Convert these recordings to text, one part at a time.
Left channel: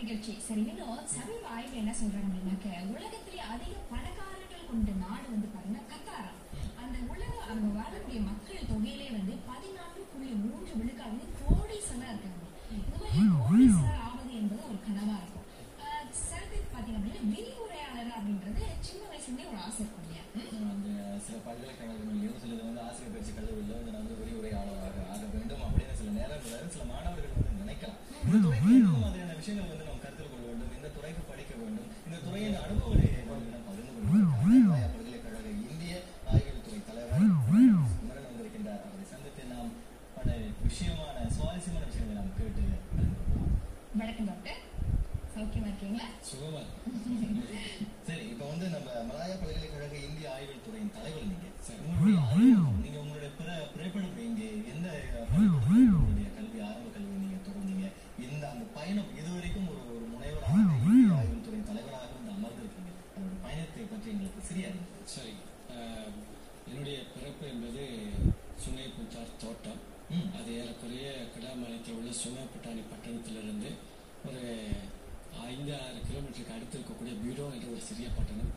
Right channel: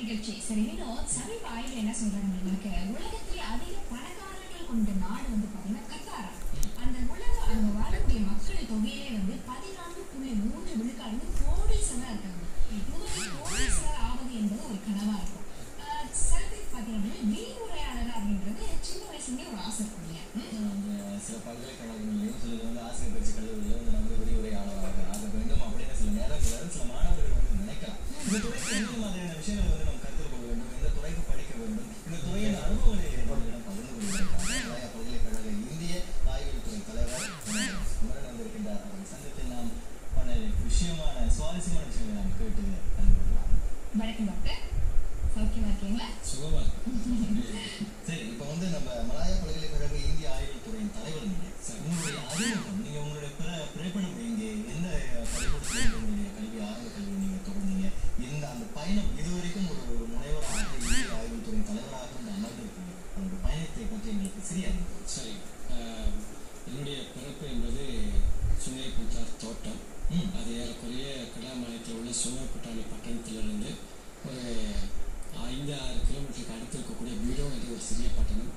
நிகழ்ச்சி. சரி, இன்னும் சமீப ஆய்வுல என்ன சொல்றாங்க அப்படின்னாக்க, உலகத்திலே அதிக பணக்காரர்கள் கொண்ட நாடு வந்து பாத்தீங்கன்னா கத்தாரா. அந்த அங்க வாழக்கூடிய மக்கள் தொகையிலே வந்து 14.3 விழுக்காடு கோடீஸ்வரரா இருக்காங்க. இந்த மாதிரி கோடீஸ்வரர் ஆவது என்பது ஒரு கனவா இருக்கும். சில பேருக்கு பாத்தீங்க அப்படின்னா விரிவுரையாளர் அப்படின்றது சின்ன வயசுலயே ஒரு ஆசை இருக்கும் இல்லையா? சில பல்கலைக்கழகங்களையும் சிலது வந்து ஆசிரியர் பயிற்சி கல்லூரியில் வந்து நம்ம விரிவுரையாளராக ஆக வேண்டும் அப்படின்னு சில நேரங்களில் சில மாணவர்கள் வந்து நினைக்கலாம். இந்த மாதிரியான விஷயங்களை வந்து நம்ம கற்றுக் கொள்ள வேண்டும், இந்த துறைக்கு படிக்க வேண்டும், இந்த துறையின் அனுபவங்களை எங்களிடம் பகிர்ந்து கொள்ளுங்கள். பல்கலைக்கழக இந்திய ஆய்வியல் துறை தலைவர் குமரன் வந்திருக்கின்றார். அவரை சந்தித்து நாம் பல சுவாரஸ்யமான விஷயங்களை நாம் கேட்டு அறிந்துள்ளோம். வணக்கம் டாக்டர், சௌக்கியமா இருக்கீங்களா? சுகமா. சரி, இப்போ வந்து நம்ம மலாயா பல்கலைக்கழக இந்திய ஆய்வியல் துறையின் தலைவர் நீங்க. நீங்க உங்களுடைய பிறப்பிடம் எங்கே, எந்த உங்களுடைய கல்வி ஆரம்ப கல்வி நீங்க தொடர்ந்தீங்க, இந்த அந்த பயணம் இதுவரைக்கும் ஒரு முனைவர் ஆய்வியல் துறையின் தலைவராக வந்து அமர்ந்திருக்கீங்க, அந்த பயணத்தை பற்றி எங்களுக்கு சரியா? சரி, என்னுடைய பிறப்பு என்பது சுனை புத்தார் தோட்டம். அது ஏறக்குறைய கிடாமாநிலத்தில் உள்ள சுமப்புட்டாணி பட்டணத்திலிருந்து ஒரு 5-6 கிலோமீட்டருக்கு அடுத்து இருக்கக்கூடிய பீடோ என்ற ஒரு சிறிய பட்டணம்.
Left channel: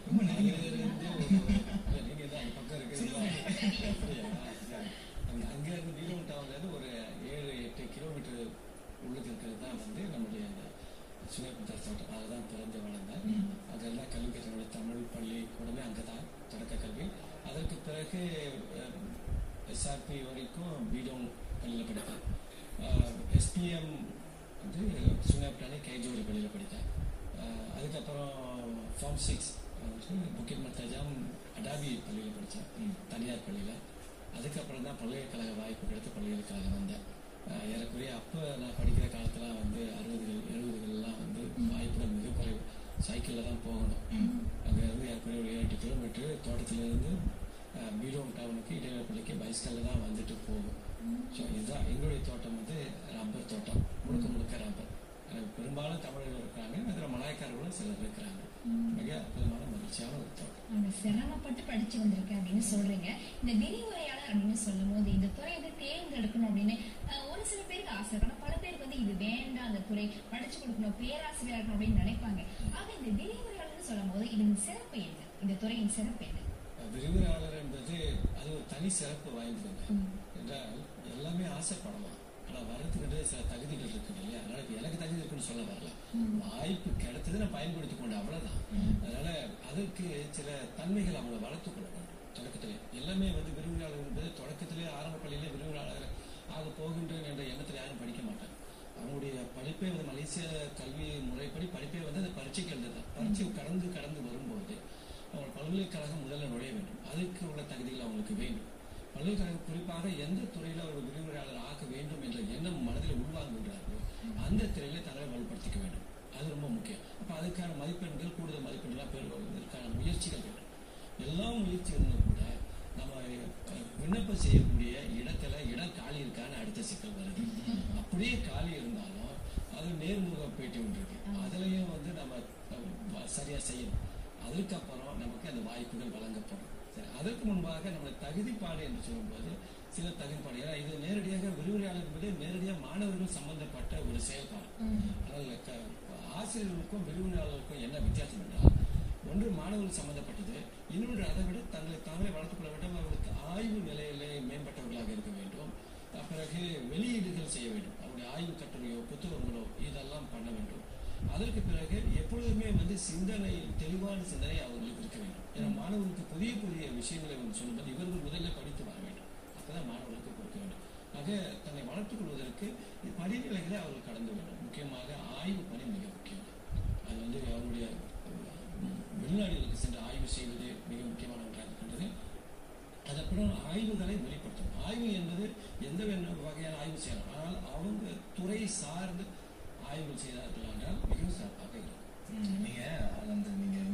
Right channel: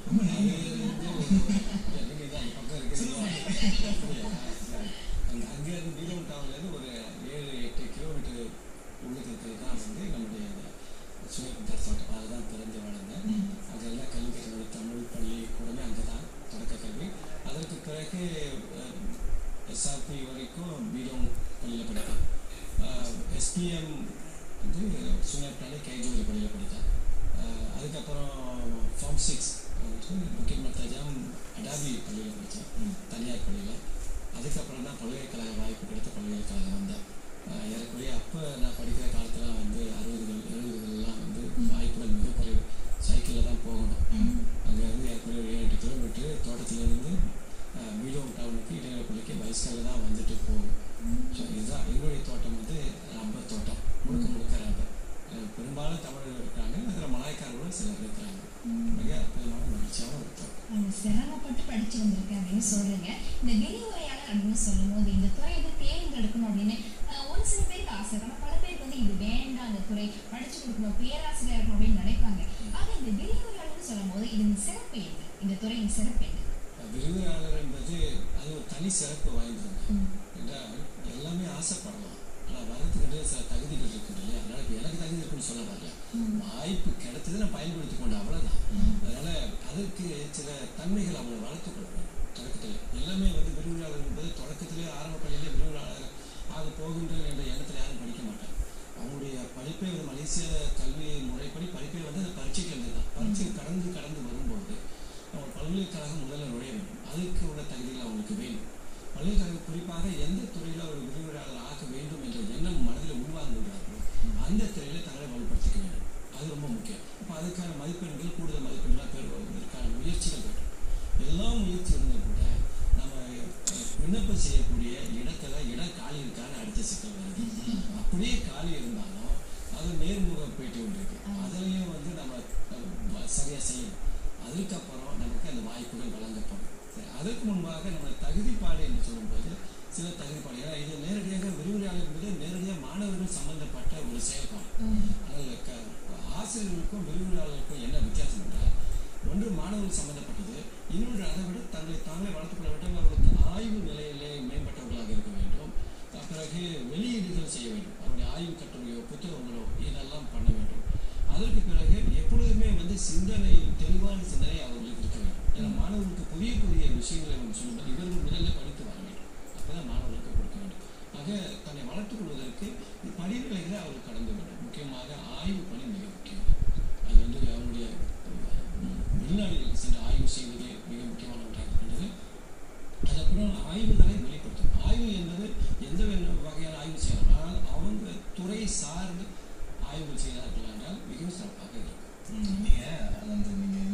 அங்கேருந்து பீடோ டவுன்லேருந்து ஒரு 7-8 கிலோமீட்டர் உள்ளுக்கு இருக்கிறது தான் வந்து நம்முடைய சுமைப்புத்தார் தோட்டம். அதுதான் பிறந்து வளர்ந்தேன். அதெல்லாம் கல்வி கற்றோட தமிழ் பள்ளி கூடமே அங்கே தான் தொடக்க கல்வி. அதற்கு பிறகு எஸ்ஆர்பி வரைக்கும் பீடோங் பள்ளியில் படித்தேன். எஸ்பிஎம் வந்து சுனைப்புட்டாணி கைஜோரி பள்ளியில் படித்தேன். அதுக்கப்புறம் ஃபார்ம் 6 வந்து புக்கிட் மத்தாஜாம் அடாபி பள்ளியில் படித்தேன், தனியார் பள்ளியில். அதுக்கப்புறம் தான் பல்கலைக்கழக வாய்ப்பு கிடைத்த பல்கலைக்கழகம் வந்தேன். ஏறக்குறைய அப்போ நான் படிக்கிற காலத்தில் வந்து 60கள் 70கள்லாம் வந்து வாய்ப்புகள் மிக குறைவு. சைக்கிளில் தான் போகணும். அங்கேருந்து ஏறக்குறைய ஒரு 7-8 கிலோமீட்டர் தோட்டத்திலேருந்து பீடோங் டவுனுக்கு இடைநிலை பள்ளிக்கு பைஸ்கலில் தான் வந்துட்டு போகும். ஸோ இதுதான் எங்களுடைய தோட்டம் வந்து ரப்பர் தோட்டம், முழுக்க ரப்பர். பெரும்பாலும் தமிழர்கள் இருக்கிறாங்க, அதில் மலாய்க்காரர்களும் சிலர் இருக்கிறாங்க. மிக அற்புதமான மகிழ்ச்சியான ஒரு தோட்டம். சிரமப்பட்டு படிச்சு வந்திருக்கேன் அப்படின்னு சொல்றீங்க. இந்த விரிவுரையாளர் அப்படின்னு சொல்லும் போது இந்த துறை வந்து தேர்ந்தெடுக்கணும் அப்படின்னு ஒரு சில பேருக்கு ஆசை இருக்கும். பல பேருக்கு வந்து இது வேண்டாம், அந்த துறை படிச்சு கொடுக்கணும், பேராசிரியர் இருக்கணும் அப்படின்னு நினைப்பாங்க. ஆக இந்த விரிவுரையாளர்னு சொல்லும் போது இதன் சிறப்பு என்ன, இந்த துறையின் சிறப்பு என்ன? விரிவுரையாளர் என்பது அது ஒரு தனி சிறப்பு வாய்ந்தது என்றால் எல்லாமே ஆசைப்படலாம். ஆனால் வரதுக்கு சில தகுதிகள் இருக்கு இல்லையா? அதனால இப்போ எனக்கு தகுதி இருக்குன்னு சொல்ல வரல, வாய்ப்பு கிடைத்தது நான் பயன்படுத்தி கொண்டு அவ்வளோதான். அதனால அதற்கு சில தன்மைகள் அவங்களை வளர்த்துக்கொள்ள வேண்டும். தொடக்கத்தில் எல்லாமே வந்து விரிவுரையாளர் என்பது தொடக்கத்திலே ஆரம்ப பள்ளியிலே விரிவுரையாளர் ஆக போகின்றேன் என்ற எண்ணத்தில் யாரும் படிக்க மாட்டாங்க. அவங்களுடைய படிப்பே வந்து மலேசிய கல்வி முறைப்படி படிப்பே வந்து அந்த பரீட்சைக்கு எழுதுதான். பரீட்சை கடந்து வரும்போது அவங்க பல்கலைக்கழகம் முதல்ல நுழைய வேண்டும். அதுக்கு உள்ள தகுதிகள் அவங்களுக்கு வேணும். பல்கலைக்கழகம் குறிப்பாக எந்த துறையில் ஒரு விரிவுரையாளர் ஆக வேண்டும் என்ற எண்ணம் மனதில் உள்வாங்குகிறார்களோ அந்த துறையில் தங்களை வலுப்படுத்திக்க வேண்டும். அது ரொம்ப முக்கியம். அப்போ அதுக்கான மதிப்பெண்கள், கூடுதல் மதிப்பெண்களாக பெறுவதற்கான முயற்சிகள் வேண்டும். எல்லா முயற்சி இருந்தால் கூட நம்ம விண்ணப்பம் செய்யக்கூடிய இடத்துல இடம் காலி இருக்கான்னு அடித்த சிக்கல் வருது. அப்படியே காலி இருந்தாலும் அது நேர்முக பேட்டி ஒன்று இருக்கு, அதுலேயும் வந்து நம்ம சரியாக செய்யணும். அதுக்கப்புறம் நமக்கு அந்த வாய்ப்புகள் வழங்கப்படும். அதற்கு முன்பாக நம்ம தகுதிப்பாடு என்று சொல்லும்போது சில தகுதிப்பாடு, ஏன்னா இது நேரடியாக விரிவுரையாளர் என்பது நேரடியாக மாணவர்கள் சம்பந்தப்பட்ட ஒரு செயல்பாடு. ஆனால் ஆசிரியர்களுக்கும் விரிவுரையாளருக்கும் என்ன வித்தியாசம் என்றால், ஒன்று மாணவர்கள் சம்பந்தப்பட்டது, இன்னொன்று அதை விட தங்களை தாங்களே வளர்த்துக்கொள்ள வேண்டும். அவர்களுக்கு ஆய்வு நிலையிலே மேம்பட்டவர்களாக இருக்க வேண்டும். பிறகு வெளியீடுகள் செய்ய வேண்டும். அவருடைய ஆய்வு கட்டுரையோ புத்தகங்களோ இதெல்லாம் பண்ண வேண்டும். அதற்கு பிறகு எப்பொழுதுமே வந்து சிந்தனை, தெளிவான சிந்தனை அவர்களுக்கு இருக்க வேண்டும். ஏன்னா மாணவர்களுக்கு புதிய விஷயங்களை வந்து சொல்லும்போது இவர்கள் முதலில் படித்து வர வேண்டும். அப்போதான் மாணவர்களுக்கு கொடுக்க வேண்டும். ஆக தன்னை வளர்த்துக் கொள்வதற்கு படிநிலைகளை அவர்கள் கடந்து வேண்டும். முக்கியமாக ஆய்வு பணி மிக முக்கியம். அது வந்து அவருடைய வெளிநாடுகளுக்கு சென்று ஆய்வு செய்வது மிக முக்கியமான ஒன்றாக இருக்கின்றது. அதற்குடன் ஆய்வுகளை வெளிப்படுத்தும். ஆய்வு என்பது எந்த வகையான ஆய்வு செய்யலாம், ஆனால் அவங்க துறை சார்ந்து ஆய்வுகள் செய்தார்கள் என்றால் மிகவும் சிறப்பாக இருக்கும். நீங்க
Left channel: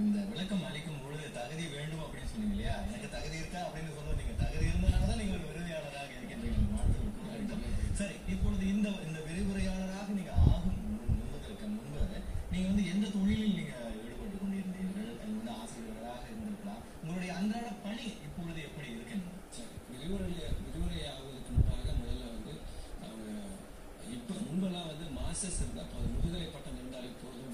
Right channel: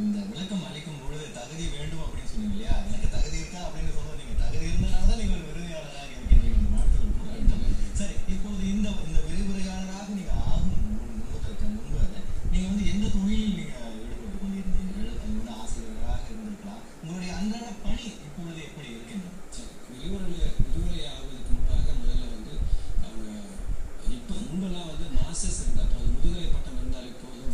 இந்த விளக்கம் அளிக்கும் பொழுது தகுதி வேண்டும் அப்படின்னு சொன்னீங்க இல்லையா? எனக்கு தகுதி இருக்கா அப்படின்னு சொல்லுவோம். நீங்க தகுதி இருந்தனால்தான் நீங்க ஒரு விரிவுரையாளராக இருக்கின்றீங்க. வாழ்த்துக்கள் கூட. சரி, இப்பொழுது இந்த விரிவுரையாளராக நீங்க ஆகும் முன்பு நீங்க வந்து எந்த தொழிலில் நீங்க ஈடுபட்டு கொண்டிருந்தீர்கள்? அது வந்து ஆசிரியர்களாக இருந்திருக்கலாம். உங்களுடைய அன்றாட பணி இப்பொழுது எப்படி இருக்கின்றது? சரி, விரிவுரை ஆகுவதற்கு முன்பாக முதல்ல வந்து அவங்க இப்போ முன்பெல்லாம் வந்து மாஸ்டர்ஸ் இருந்தால் முதுகலை பட்டம் இருந்தாலே போதும்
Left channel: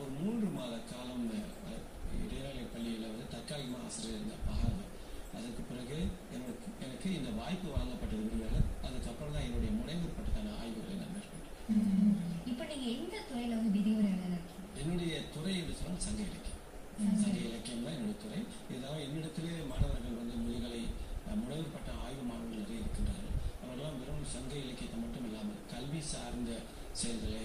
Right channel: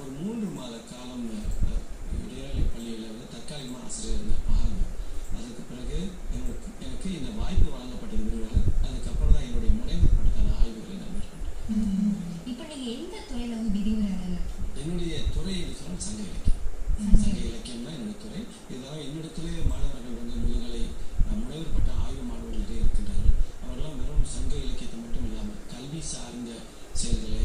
ஒரு 3 மாத காலம் இடைநிலை பள்ளியில் வந்து தற்காலிகமாக ஆசிரியர் இருந்த பாருங்க. அதுக்கு பிறகு எனக்கு இந்த வாய்ப்பு வழங்கப்பட்டிருக்கிறது. அதுக்கப்புறம் தான் என்னுடைய முனைவர் பட்டதான ஆய்வுகளை நான் மேற்கொண்டேன். இப்போ நீங்க எந்த துறையில வந்து விரிவுரையாளர்? என்னுடைய துறை என்று சொன்னால் சங்க இலக்கியம். சங்க இலக்கியம் தான் என்னுடைய துறை. இதனால் என்னிடத்திலே மாணவர்கள் வந்து முதுகலை முனைவர் பட்ட ஆய்வு மாணவர்கள் நிறைய இருக்கின்றார்கள். அவர்களெல்லாம் வெறும் சங்க இலக்கியத்தை மட்டும் இல்லாமல் கல்வி சார்ந்த செயல்களை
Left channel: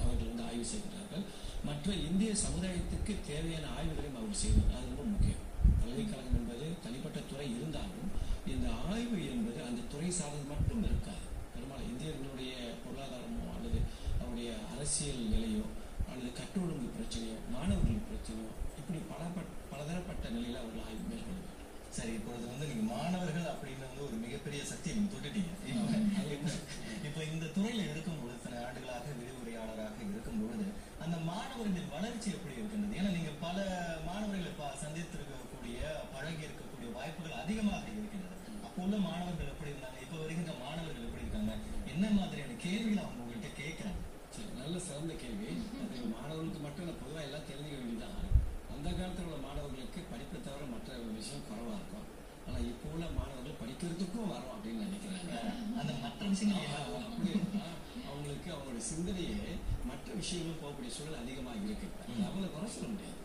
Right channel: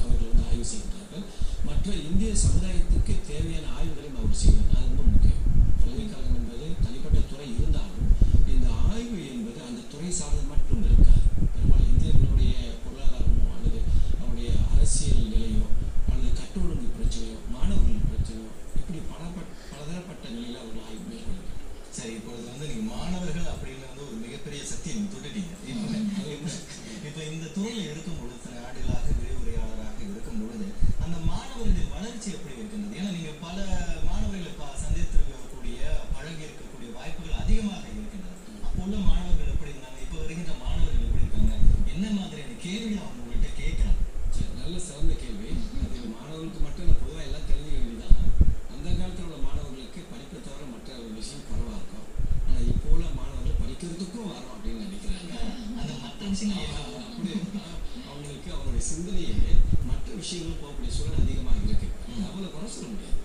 அவர்கள் வந்து ஆய்வு செய்கிறார்கள். மற்ற இந்திய சமுதாயத்துக்கு தேவையான ஆய்வுகளையும் அவர் செய்கிறார். அது ரொம்ப முக்கியம். பல்கலைக்கழகம் என்பது தனிப்பட்ட துறை இருந்தாலும் இந்த ஆய்வு என்பது அந்த துறை சார்ந்தது மட்டும் இருக்காது. பெரும்பாலும் இந்தியர்களுடைய பொருளாதாரமோ அல்லது அவருடைய அரசியல் நிலையோ அல்லது கட்டொழுங்கு பிரச்சனையோ மாணவர்கள் பிரச்சனையோ இப்படி பலதரப்பட்ட நிலையில் அவர்கள் ஆய்வு மேற்கொள்ள வேண்டும். சரி, இப்பொழுது வந்து நீங்க மாணவர்கள் அப்படின்னு வந்து ஒரு மிகப்பெரிய சக்தியை நீங்க தொட்டுட்டீங்க. இப்ப இந்த துறையில இருக்கும் பொழுது சில ஆண்டுகளாக விரிவுரையாளராக இருக்கும் பொழுது அந்த மாணவர்களின் வளர்ச்சி எப்படி இருக்கின்றது? ஏன்னா நீங்க பல மாணவர்களை சந்தித்திருக்கக்கூடிய பழகி இருக்கக்கூடிய வாய்ப்புகள் அதிகமாக இருக்கின்றது. அப்போ உள்ள மாணவர்கள் எப்படி இருந்தாங்க, இப்ப வருகின்ற மாணவர்கள் எப்படி இருக்காங்க, என்ன மாதிரியான கேள்விகள் அவங்க உங்கள்கிட்ட கேட்கறாங்க? நல்ல சிறந்த கேள்வி. அது மாணவர்களுக்கு மட்டும் நான் பொதுவாக எல்லாம் தெரிஞ்சுக்க வேண்டியதான். அந்த காலத்தில் உள்ள மாணவர்களுக்கு படிப்பை தவிர மற்ற விஷயம் குறைவாக இருக்கும். ஆனால் இப்போ உள்ள மாணவர்கள் படிக்கிறதுக்கும் வரும் அப்படின்னு நினைக்கிறாங்க. அந்த மற்ற விஷயங்கள் அப்படி அவங்களுக்கு அவங்களுடைய சிந்தனையே மற்ற விஷயங்களும் போகக்கூடிய சூழல் அதிகமாக இருக்கு. அவங்களை குறை சொல்ல முடியாது.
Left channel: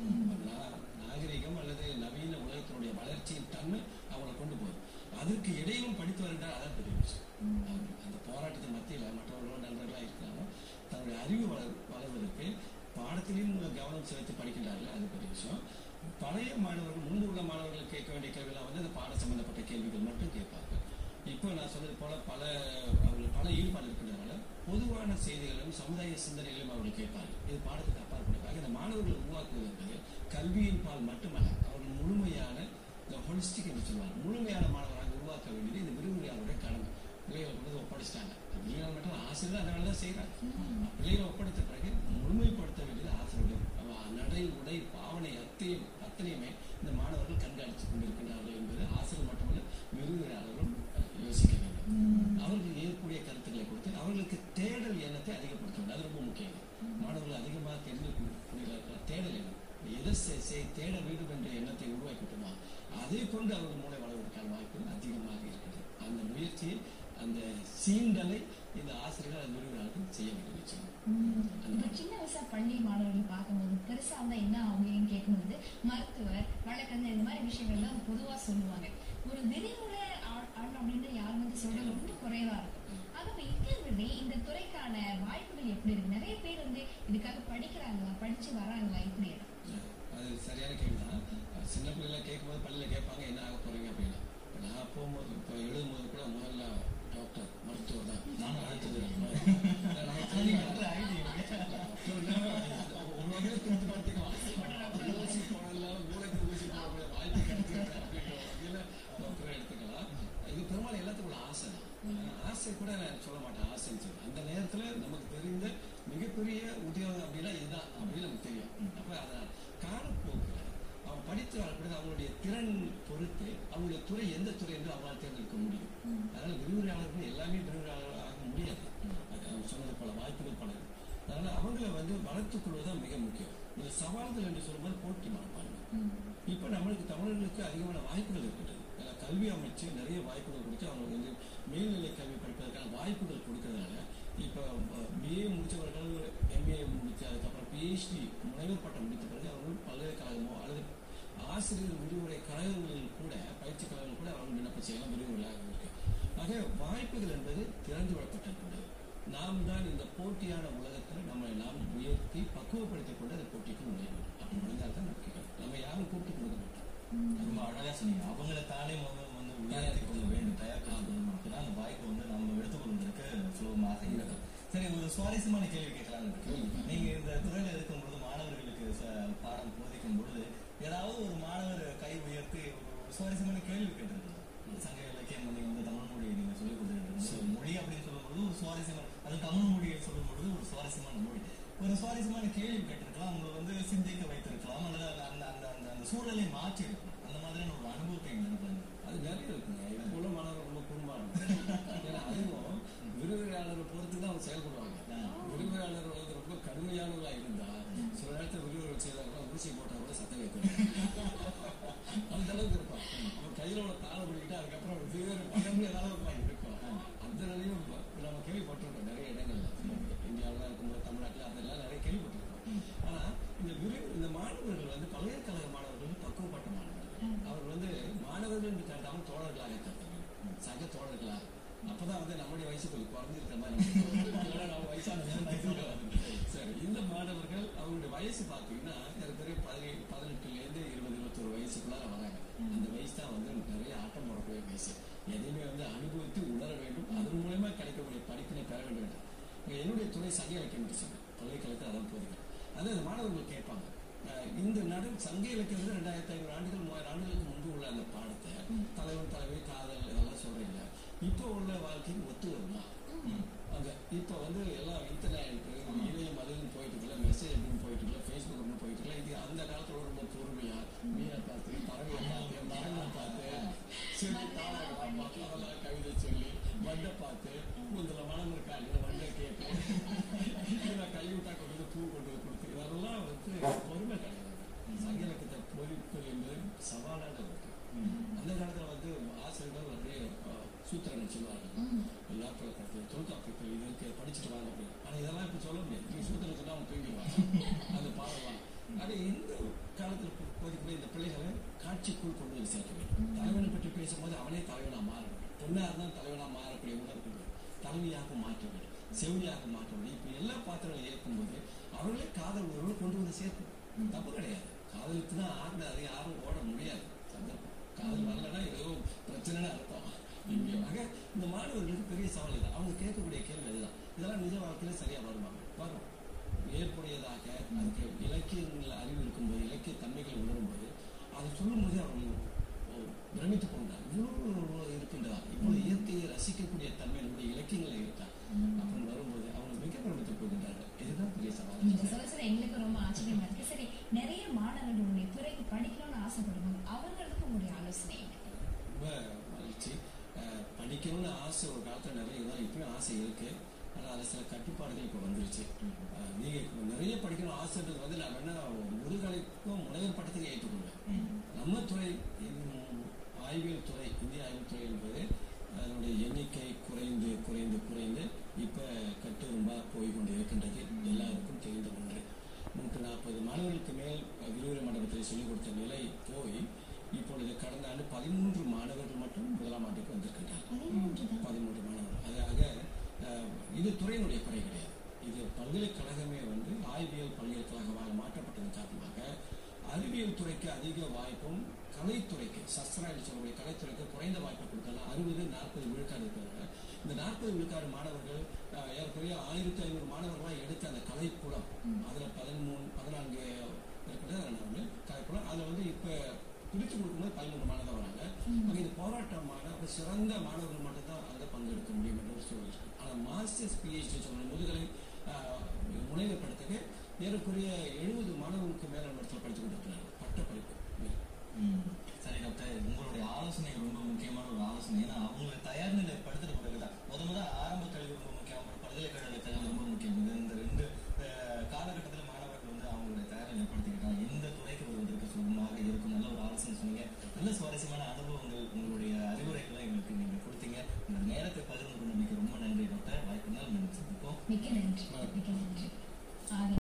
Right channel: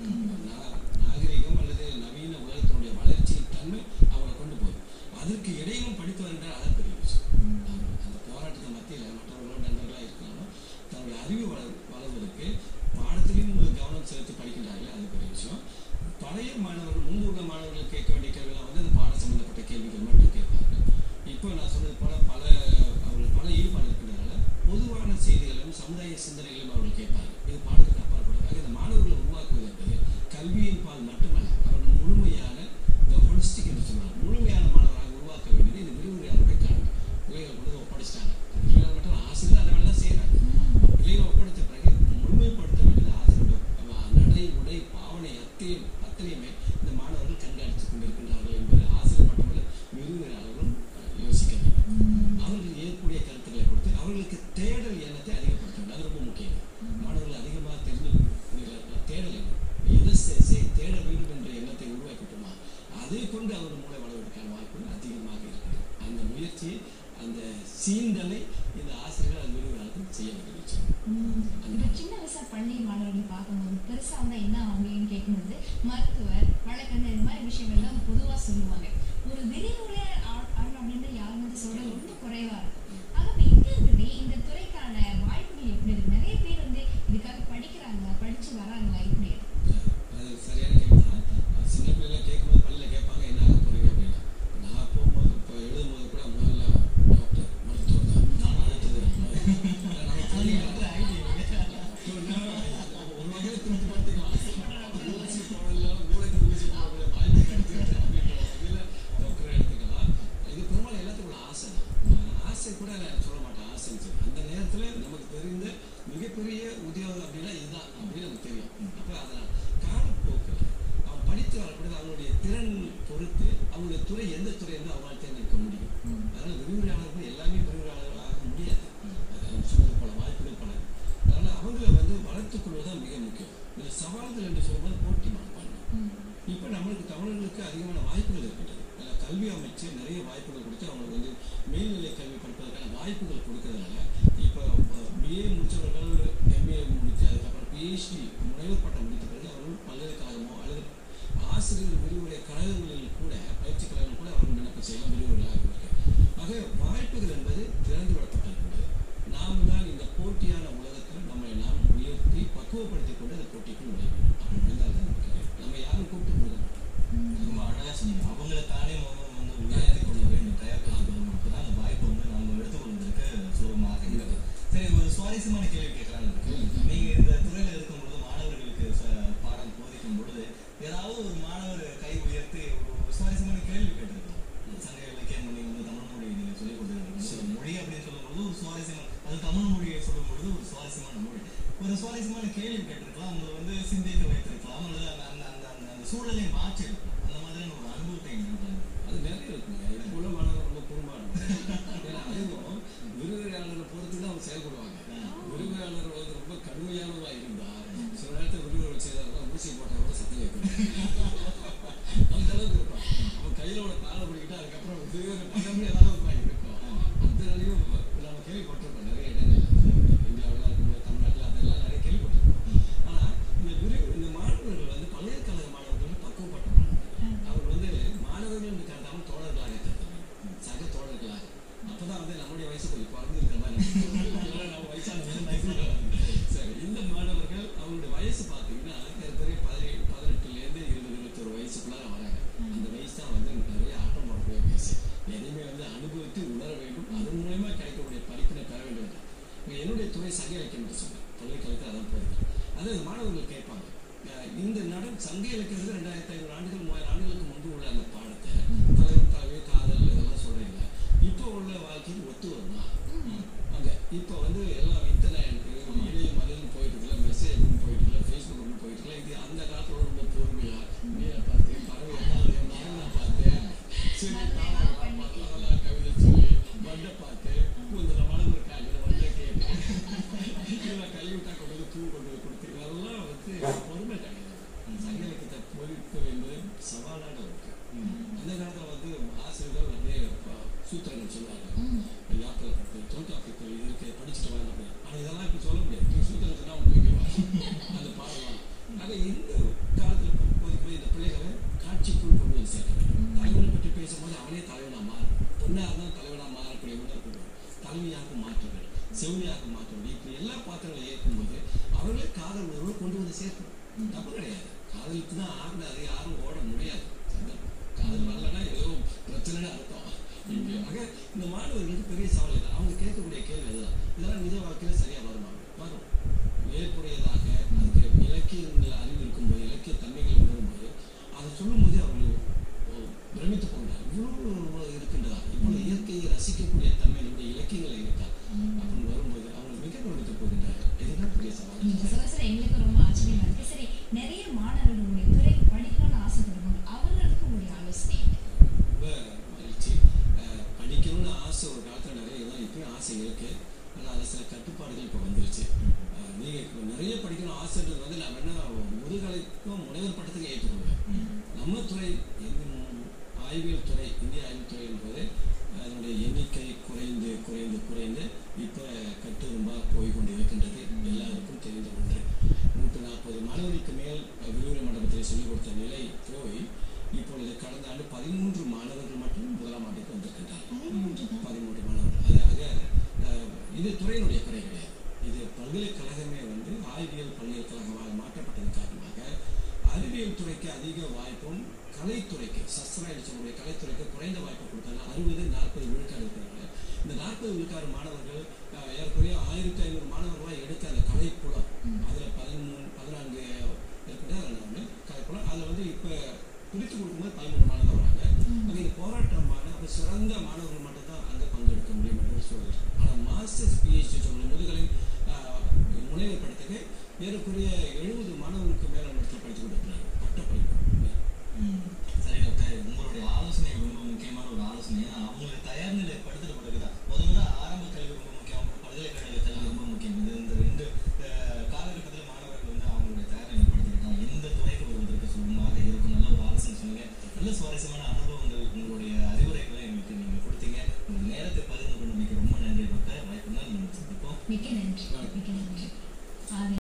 நாகரிகம் அல்லது நவீன உலகத்தினுடைய வளர்ச்சி தன்மை அவங்களை கொண்டு போகுது. அதற்கு இடையிலும் படித்து வருகின்றால் அதான் பெரிய விஷயம். அந்த போராட்டத்தின் மத்தியில் மற்றவர்களோட நண்பர்களாக இருக்கிறாலும் தன்னுடைய அறிவு வளர்வதற்கு பாடத்திலையும் கவனம் செலுத்தி படிக்கின்றார்கள். அது பெரிய விஷயம். பழைய மாணவர்கள் முன்பு உள்ள மாணவர்கள் கேட்க வேண்டிய கேள்விலாம் வந்து அந்த பாடம் சம்பந்தப்பட்ட கேள்விகள் மட்டும் கேட்பார்கள். இப்போ நான் சொன்னது போல அவர்கள் பல ஈடுபாடு இருக்கின்றனால பொதுவான செய்திகளும் சமுதாய சிந்தனைகளையும் அவர்கள் கேட்பார்கள். இது பாடத்துக்கு அப்பாற்பட்டதாக இந்த மாணவர்களை உருவாக்குவது என்பது கல்வியின் பால் மட்டுமல்ல, அவர்கள் முழுமையான இந்த ஹோலிஸ்டிக் என்று சொல்வாங்க, முழுமையான மாணவராக உருவாக்க வேண்டியது இந்த விரிவுரையாளருடைய கடமை. பிள்ளைகள் கொண்டு ஒப்படைச்சிட்டாங்க. விரிவுரையாளர் மட்டும் ஆசிரியர் அந்த வேலை தான் செய்கிறாங்க. பிள்ளைகளை ஒப்படைத்த பிறகு முழுமைப்படுத்த வேண்டியது ஆசிரியருடைய நடை உடை பாவனை அத்தனையுமே இந்த மாணவர்கள் கண்காணித்துக் கொண்டிருக்கின்றார்கள் என்பது ஆசிரியர் மட்டுமல்ல விரிவுரையாளர்களும் யோசிக்க வேண்டும். அவர்கள் ஏற்கக்கூடிய கருத்துக்களை கொடுத்து அவர்களுக்கு தேடல் எண்ணத்தை அதிகப்படுத்த வேண்டும். அது ரொம்ப முக்கியம். மாணவர்கள் அதிகமாக தெரிந்து தேடல் எண்ணம் எதை தேட வேண்டும் என்ற எண்ணத்தை உருவாக்கிட்டோமா அதை கொண்டு அவர்கள் மூளை வளர்வதற்கான வாய்ப்புகள் அதிகமாக இருக்கிறது. அந்த முயற்சியை அந்த சீண்டலை இந்த ஆசிரியர்கள் அது விரிவுரையாளர்கள் செய்ய வேண்டும். இப்போ சின்ன வயசா பள்ளி மாணவர்கள் பார்க்கும்போது பெருசா வந்தா என்ன ஆகுன்னு கேட்கும்போது மருத்துவர் வழக்கறிஞர் இந்த மாதிரி விஷயங்கள் தான் பொதுவா சொல்லுவாங்க. ஒரு விரிவுரை அப்படின்னு யாரும் வந்து சொல்றது ரொம்ப குறைவா இருக்கும். ஆகவே இங்க இருந்து இந்த துறைக்கான வாய்ப்புகள் எப்படி இருக்கு? நிறைய பேர் வந்து இதுக்காக படிக்கிறாங்களா, படிச்சு வராங்களா, இப்படி அது சரியான கேள்விதான். சின்ன பிள்ளைல கேட்கும்போது பள்ளியில கேட்பாங்க என்ன ஆக போறீங்க அப்படின்னா. நான் போகும்போது இப்போ எழுதும்போது கூட முதல்ல டாக்டர் மருத்துவர் தான் நான் அடுத்தது ஒரு வகையில் திருப்தி படுத்திக்கலாம். ஊசி போடல மூளைக்கு ஊசி போடக்கூடிய வாய்ப்பு கிடைச்சிருக்கு அப்படின்ற வகையில் டாக்டரை எடுத்துக்கலாம். இது பெரும்பாலும் எல்லாத்துக்கும் ஆசை தான். ஆசை கூட நான் சொல்ல மாட்டேன் ஆசைன்னு சொல்லி. அந்த நேரத்தில் நமக்கு தெரிந்த மிகப்பெரிய உத்தியோகம் அப்படின்னா இதுதான் அப்படின்னு நமக்கு தெரியும். அப்போ அதை காலப்போக்கில் அவன் படித்து வரக்கூடிய அவங்களுடைய திறன் பொறுத்து அவங்களுடைய துறை எந்த துறை என்று அவங்களால் தேர்ந்தெடுக்க முடியும். அதனால விரிவுரையாளர்கள் எல்லாமே விரிவுரையாளர்கள் ஆக முடியாது. அது சொன்னது போல வாய்ப்புகள் பல. அதனால அவங்களை வந்து வளர்த்துக் கொள்வதுதான் மிக முக்கியம். இந்த சவால்கள் என்று சொல்லும்போது போட்டி மனப்பான்மை. இப்போ நம்மளுக்கு தமிழர்களுக்கு அதிகமான வாய்ப்புகள் இருக்கின்றது. கல்வி அமைச்சு நிறைய வாய்ப்புகள் கொடுத்து அவங்களுக்கு வந்து மேல்நிலை கல்வி படிப்பதற்கான வாய்ப்புகள் கொடுக்கறதுனால இப்போ பிஏ முடித்தவர்கள் எம்ஏ முடித்து அதுக்கப்புறம் பிஹெச்டி முனைவர் பட்டம் முடித்த பிறகு அவர்கள் பல்கலைக்கழகமோ அல்லது ஆசிரியர் விரிவுரை கழகங்களில் கூட பயிற்சி கழகங்கள் கூட அவர்கள் விண்ணப்பம் செய்யலாம். விரிவுரையாக இருக்கு. ஆக வாய்ப்புகள் என்பது திறந்து விடப்பட்டிருக்கின்றது. நாம் தான் இந்த போட்டியான உலகத்தில் நம்மை நாம் உயர்த்தி பக்குவப்படுத்திக் கொண்டு அந்த போட்டிக்குள் நுழைய வேண்டும். அப்படி நுழைந்தால் தான் நமக்கு நம்ம யாரும் கூப்பிட்டு கொடுக்க மாட்டோம். ரொம்ப அழகா சொன்னீங்க. அவங்களை தானே வந்து உயர்த்தி கொள்ள வேண்டும், தயார் பண்ணணும். அப்பதான் அந்த வாய்ப்பு வந்து நம்ம எடுத்துக்கொள்வதற்கு சுலபமாக இருக்கு. சரி, ஒரு சுவாரஸ்யமான கேள்வி கேட்கலான்னு இருக்கு. நீங்க இந்த துறையில இருக்கும் பொழுது மாணவர்களுக்கு பாடம் போதிக்கும் பொழுது ஏதாவது ஒரு மாணவர் கை உயர்த்தி ஒரு சுவாரஸ்யமான கேள்வி கேட்டிருக்கோம். சங்க இலக்கியம் நீங்க வந்து தமிழ் மொழி நீங்க சொல்லிக் கொடுத்துருக்கீங்க. மொழி அப்படின்னு சொல்லும் பொழுது ஒரு சுவாரஸ்யமான, அது தமிழ் மொழியை சொல்லும் பொழுது ஒரு சுவாரஸ்யமான மொழி, ஒரு சுவாரஸ்யமான கேள்வி கேட்டிருக்கலாம். அவங்களை வந்து சிந்திக்க வைத்திருக்கலாம் அல்லது அந்த சூழலை மாற்றி இருக்கலாம். அந்த மாதிரியான ஒரு அனுபவத்தை அது நிறைய இருக்குங்க. இப்போ உள்ள மாணவர்கள் ரொம்ப குறும்பான ஏன்னா அதுவும் விரிவுரையாளரை பொறுத்து தான் அவங்க செயல்படுவாங்க. விரிவுரையாளர்கள் வந்து ரொம்ப கடுமையான எல்லாம் இருந்தா சில நேரத்தில் விரிவுரை செய்தாலும் ஊசி போட்டா கூட சத்தம் கேட்கணும். அந்த அளவுக்கு இருக்கும். அவன் கையில ஒரு தாளை பிடிக்கிட்டு அதுக்கப்புறம் வேறு பதமே ஏதாவது இருக்கும். அந்த நிலையும் நம்ம கேள்விப்பட்டிருக்கோம் நிறைய இடங்கள்ல. இந்தியாவில் இருக்கும்போது தமிழ்நாட்டில் அதெல்லாம் நிறைய கேள்விப்பட்டிருக்கோம். ஆனா இந்த மாணவர்கள் வந்து பல்கலைக்கழக மாணவர்கள் பக்குவப்பட்ட மாணவர்கள். அவர் வந்து மாணவர்கள் என்று கருதாமல் தோழர்களாக கருதுறாங்க, சக தோழர்களாக. அப்பதான் வந்து நம்முடைய வயசு கொஞ்சம் குறைஞ்சிருக்கிற மாதிரி நம்ம வயசான சரி. இந்த மாணவர்கள் அவங்களுடைய வயசு பார்த்தீங்கன்னா ஏற்கனவே 18லேருந்து 20-21 வயசுக்குள்ளார வராங்க. அந்த வயசு தான் வந்து நிறைய ஆட்டம் போடக்கூடிய வயசு. எதையுமே வந்து அனுபவித்து உணர வேண்டும், அதன் மூலமா கிடைக்கக்கூடிய படிப்பினை பெற வேண்டும். என்னுடைய துறை சங்க இலக்கியம் என்று சொல்றேன், பல்கலைக்கழகத்தில் அதான் போதுங்க. அதாவது மாணவர்கள் கேட்பாங்க, இந்த சங்க இலக்கியம் 2500 ஆண்டுகள் 3000 ஆண்டுகளுக்கு முன்பு உள்ள அந்த பாடத்தை தலைவன் தலைவி காதல் இதெல்லாம் சொல்றீங்க, இப்போ உள்ள வாழ்க்கைக்கு ஒத்து வருமா? அங்க இப்போ வந்து எல்லாம் இன்டர்நெட் இணையம் அதுன்னு போயிட்டு இருக்கல, மெசேஜ் அப்படின்னு போயிட்டு இருக்கல, ஃபேஸ்புக் அப்படின்னு போயிட்டு இருக்கல. இது அந்த காலத்துல ரொம்ப பொறுமையா மீனை பார்த்து பறவை பார்த்து சரி அதெல்லாம் கவிதை சொல்லி வண்டை பார்த்து இந்த மனம் இருக்காங்க வண்டை கேட்டு இதெல்லாம் கைவிட்டா கொண்டு வந்து பூ கொண்டு வந்து கொடுத்து இதெல்லாம் வந்து பொறுமை கிடையாது. சங்க இலக்கியத்தை பொறிப்பது என்பது சவாலான ஒன்று. அந்த காலத்துல வந்து ஆசிரியர்கள் வந்து சூத்திரங்கள் சொல்லுவாங்க, யாப்பில் கட்டு தொல்காப்பியத்தில் இது இருக்கு படிச்சுட்டு வாங்க அப்படின்னு. ஆனால் இதெல்லாம் இப்போ சொல்ல முடியாது. நீ சூத்திரம் சொன்னா அவன் தூக்கிடுவாங்க அந்த பாடலாம். ஆக இந்த காலத்தில் போதிக்கும்போது இந்த பிள்ளைகளை காட்சிக்குள் கொண்டு வந்து சேர்க்க வேண்டும். தலைவனை பற்றி பேசும்போது அவனே தலைவனா மாறும். பொண்ணாக இருந்தால் தலைவனா மாறக்கூடிய உணர்வு தலைமையாக மாற்ற வேண்டும், செவிலியாக மாற்ற வேண்டும். இப்படி எல்லா பாத்திரங்களை ஏற்கும்போது அவர்களே காதல் உணர்வு கொண்டு வந்து சேர்க்கணும். தப்பு கிடையாது. காதலுக்கு தான் ஆகினாரு, யாரும் ஓட முடியாது. காதல் வரலன்னா ஏதோ பிரச்சனைன்னு அர்த்தம். ஆக இந்த மாணவர்களுக்கு பெரிய சவால் இல்லை. அவங்க கேட்கக்கூடிய கேள்வி அதுதான், இதெல்லாம் நிஜ வாழ்க்கையில சரியா வருமா? வரும். ஏற்புடையதாக அதுக்கு இலக்கியங்கள் அறிவு இருக்கும்போது, இலக்கிய தன்மைகளை உணரும்போது அதை சொல்லும்போதே அவர்கள் பிரமித்து போகிறார். இவ்வளவு இருக்கின்றதா, இவ்வளவு இயற்கையை ரசிக்கக்கூடிய தன்மை நம்முடைய இலக்கியங்களை இருக்கா அப்படின்னு வரும்போது அவங்க மிக பிரமித்து போகின்றார்கள். இதுதான் பெரிய சவால். நீங்க சொல்ல எங்களுக்கு ரொம்ப ஆச்சரியமா இருக்கு. சரி, நிறைய மாணவர்கள் உங்களுடைய துறைக்கு படிக்கணும்னு ஆசைப்படுவாங்க, அவர்களுக்கு உங்களுடைய ஆலோசனை ரொம்ப மகிழ்ச்சி. படிக்கணும்னு ஆசை ஒரு காலத்தில் நிறைய தான், இப்பயும் ஆசை இருக்கு. ஆனால் அதில் சில கட்டுப்பாடுகள் இப்போ வந்துருச்சு. நீங்கள் நிறைய படிக்கணும் ஆசைன்றது வந்து நான் என்ன முதுகலைக்கும் முனைவர் பட்டத்துக்கு ஏற்றுக்கொள்வேன். நம்ம துறை ஆய்வியல் துறை, இந்திய ஆய்வுத் துறை என்பது அதனுடைய எண்ணிக்கை குறைந்து குறைந்து குறைந்து இப்போ கட்டுரும்பா போய்கொண்டு இருக்கின்றது. எல்லாருக்கும் தெரிந்த ஒன்று. 140 மாணவர்களுக்கு மேல் விரிவுரை மண்டபத்தில் சொல்லிக் கொடுத்த நிலை போய் இப்பொழுது கடந்த ஆண்டு 13 மாணவர்கள் மட்டும் முதலாம் ஆண்டுக்கு வந்திருக்கின்றார். 13 மாணவர்கள். அதாக இது துறையினுடைய குறை கிடையாது. இது பல்கலைக்கழகமே வந்து ஆய்வியல் பல்கலைக்கழகமாக மாற்றப்பட்டதன் காரணமாக அறிவியல் துறைக்கு அதிக வாய்ப்பும் கலைத்துறைக்கு சஸ்திரா என்று சொல்லக்கூடிய கலைத்துறைக்கு குறைந்த வாய்ப்பு கொடுத்தாலும் 60-40 விழுக்காடு இருக்கிறாங்க. இந்த 40 விழுக்காடு மாணவர்கள் ஏறக்குறைய 1500 மாணவர்களாக எடுத்த அந்த கலைப்புலம், அதில் 14 ஏற்பட்ட கலைப்புலம், அதில் வந்து இப்போ பிரித்து கொடுக்கும்போது 13 மாணவர்கள் வராங்க. அது இது போராட்டமான ஒரு சிறந்த மாணவர்கள் மட்டும்தான் அங்கே பங்கெடுக்க முடியும் என்று சொல்லுங்கள். ஆனால் மாஸ்டர்ஸ் பிஹெச்டி சொல்லும் முதுகலை முனைவர் படத்துக்கு ஏறக்குறைய 70 மாணவர்களுக்கு மேல இடத்துல படித்து கொண்டிருக்கிறாங்க பட்ட படிப்பு. சரி டாக்டர், உங்களுடைய ஆலோசனை ரொம்ப முக்கியமான ஒரு ஆலோசனை. ஏன்னா அவங்களை தயார் நிலை படுத்துட்டு பிறகுதான் முதல்ல ஆரம்ப கல்வி ரொம்ப முக்கியம், பல்கலைக்கழக